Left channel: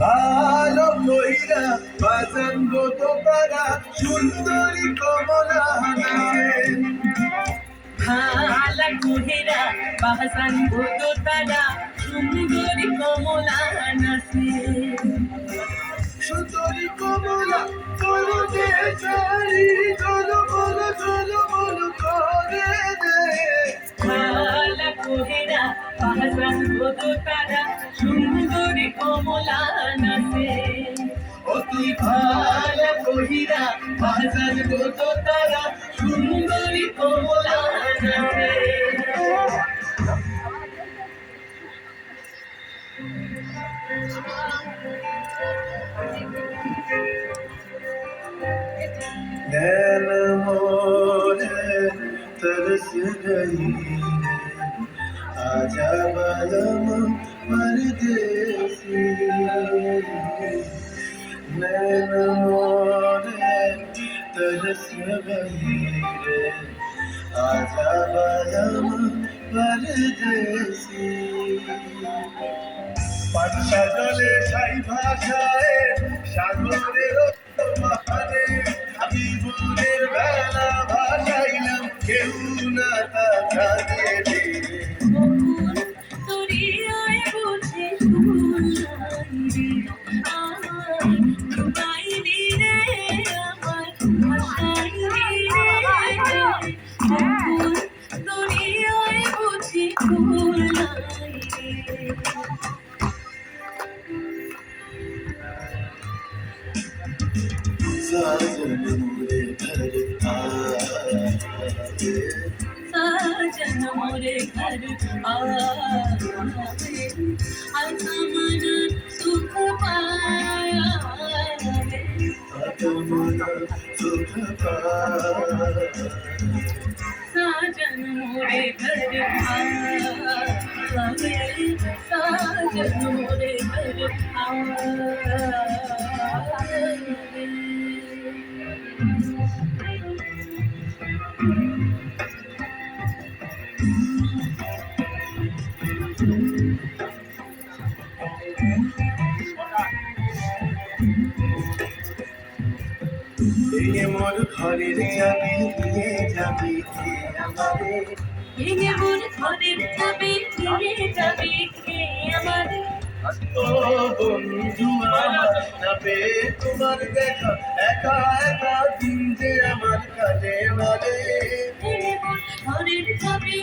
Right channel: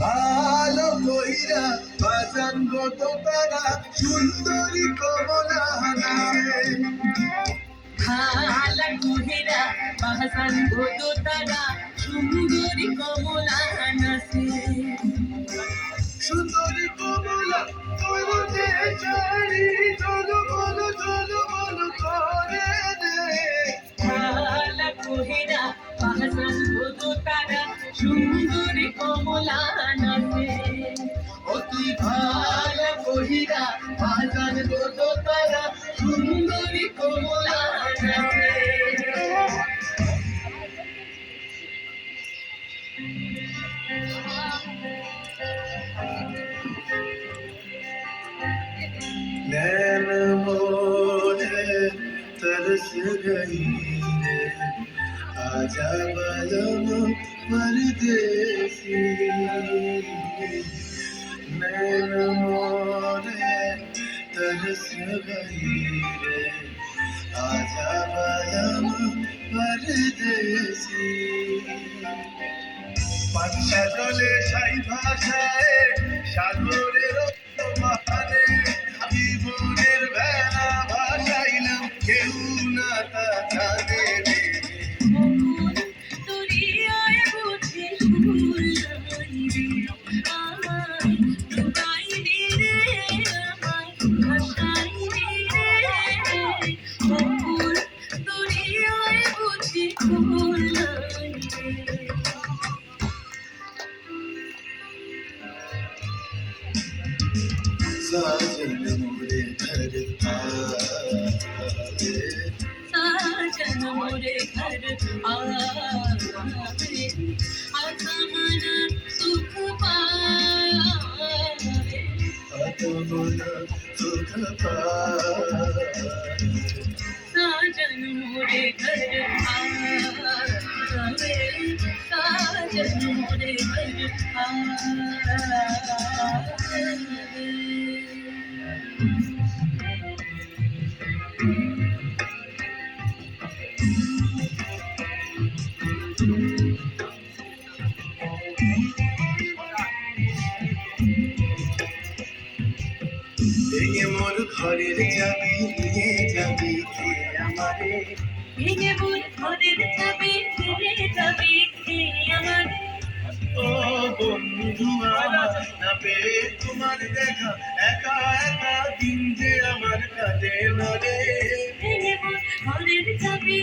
ভালো কইরা বাজান গো তোরা সুন্দরী কমলা নাচে ভালা কইরা বাজান গো তোরা সুন্দরী কমলা নাচে সুন্দরী কমলা তোর যে চারি চলো বলো করে দে ভালা কইরা বাজান গো তোরা সুন্দরী কমলা নাচে ও তুই ভালো কইরা বাজান গো তোরা সুন্দরী কমলা নাচে नैन मोरे तरस गई है आजा बालम परदेसी नैन मोरे तरस गई है आजा बालम परदेसी পাঁচটা জলে সাই ভাষায় সাগরের মাহানে জীবনের বেলা ভাসাইলাম কেউ না তা জানে রে তোরি আয় বুঝে শুনলাই রে আমার তাই রে আমার ভাষাই রে তোরি আয় বুঝে শুনলাই রে साजन मोरे घर आए साजन मोरे घर आवे आत्मन सुख पाए आत्मन सुख पाए साजन मोरे घर आवे साजन मोरे घर आवे এই মোর ঘরের চাবি নিয়ে যাবি কে আমারে ভেঙে মোর ঘরের চাবি নিয়ে যাবি কে আমারে ও বন্ধু আমার না পেয়ে তোমার দেখা একা একা দিন যে আমার কাটে না রে ভেঙে মোর ঘরের চাবি